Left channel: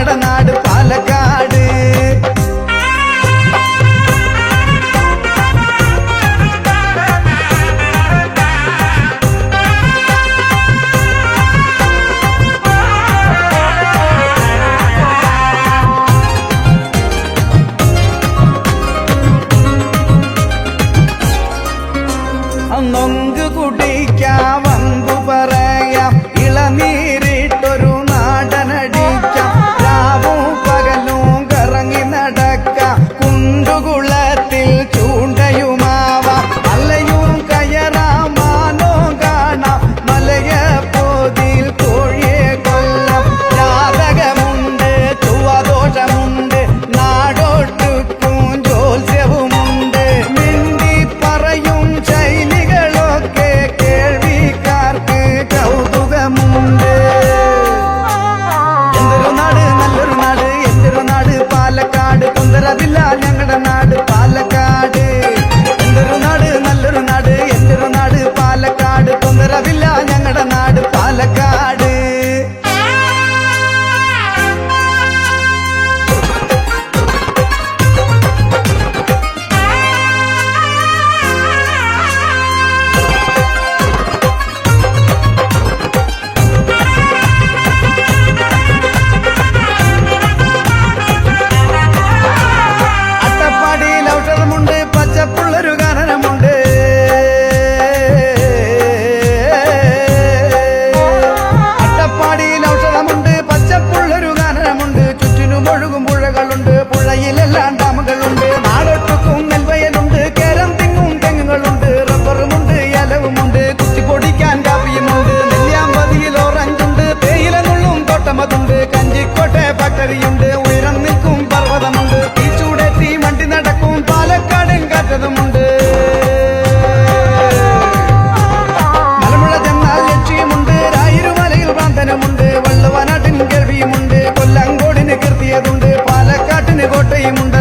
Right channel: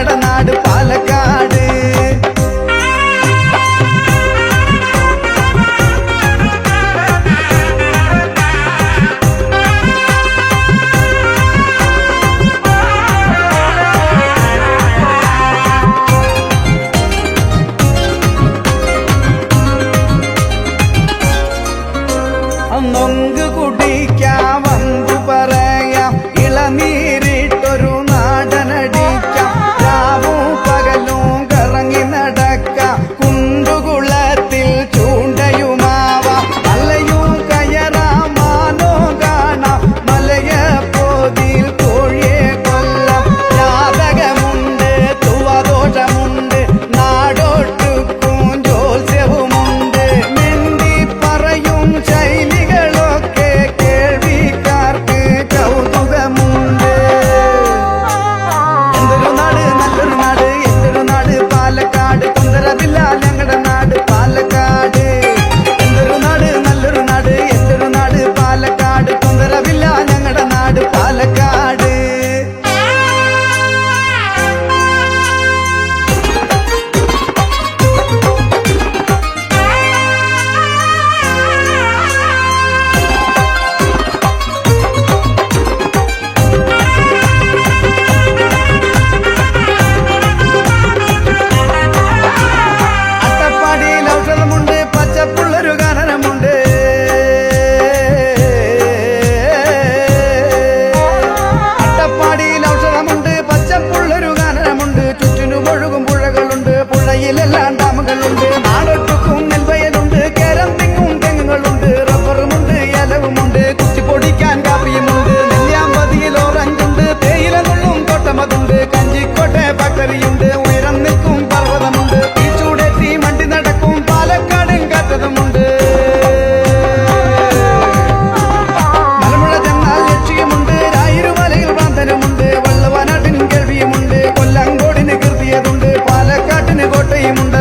ഞങ്ങളുടെ നാട് പാലക്കാട്. നൊങ്ക് കുടിക്കാം, വമ്പു പറയാം, ഇളനീരിട്ടൊരു നാടനടിക്കാം, രാവും പകലും കറങ്ങി നടക്കാം, കുണ്ടുകുളത്തിൽ ചൂണ്ടയുമാവാം, മലയും കയറാം, മാനോ കാണാം, മലയപ്പോതിൽ കോഴിയെ കൊല്ലാം, ജാതകമുണ്ട്, ചൊവ്വാദോഷമുണ്ട്, നാടൊട്ടുക്കും ജോത്സ്യവുമുണ്ട്, മിണ്ടി പറയും ശൈലികളൊക്കെ കേൾവിക്കാർക്ക് കൗതുകമുണ്ട്. എന്തൊരു നാട്, നല്ലൊരു നാട്, എന്തൊരു നാട് പാലക്കാട്, തൊന്തരവില്ല ഞങ്ങളുടെ നാട് പാലക്കാട്. എന്തൊരു നാട്, നല്ലൊരു നാട്, എന്തൊരു നാട് പാലക്കാട്, തൊന്തരവില്ല ഞങ്ങളുടെ നാട് പാലക്കാട്. ഔഷധമുണ്ട്, പച്ചപ്പുള്ളൊരു ഗാനമുണ്ട്, അട്ടപ്പാടിയിൽ ഔഷധമുണ്ട്, പച്ചപ്പുള്ളൊരു ഗാനമുണ്ട്, ചുറ്റിനും ഒഴുകും പുഴകളുണ്ട്, പുഴയിലെല്ലാം ഡാമുകളുണ്ട്, നാടൊട്ടുക്കും നെൽവയലുണ്ട്, കേരം തെങ്ങും തെങ്ങുകളുണ്ട്, റബ്ബറുമുണ്ട്, ഇലവുമുണ്ട്, കുത്തിപ്പൊടിക്കാൻ കാപ്പിയുമുണ്ട്, നെല്ലിയാമ്പതിയിൽ ഓറഞ്ചുണ്ട്, തേയില നുള്ളും തോട്ടമതുണ്ട്, കഞ്ചിക്കോട്ടെ ഫാക്ടറിയുണ്ട്, ഉയരം നിൽക്കും പർവ്വതമുണ്ട്, തീച്ചൂടേറ്റി മണ്ടി നടക്കും പാലക്കാടൻ കാറ്റതുമുണ്ട്, മലമുഴ ചെന്നാൽ ലക്ഷ്യമുണ്ട്, രായിരുമലയിൽ പ്രാന്തനുമുണ്ട്, വള്ളുവനാട്ടിന് കേൾവിയുമുണ്ട്, കൊല്ലങ്കോടിന് കീർത്തിയതുണ്ട്, പാലക്കാട്ടിന് കോട്ടയുമുണ്ട്,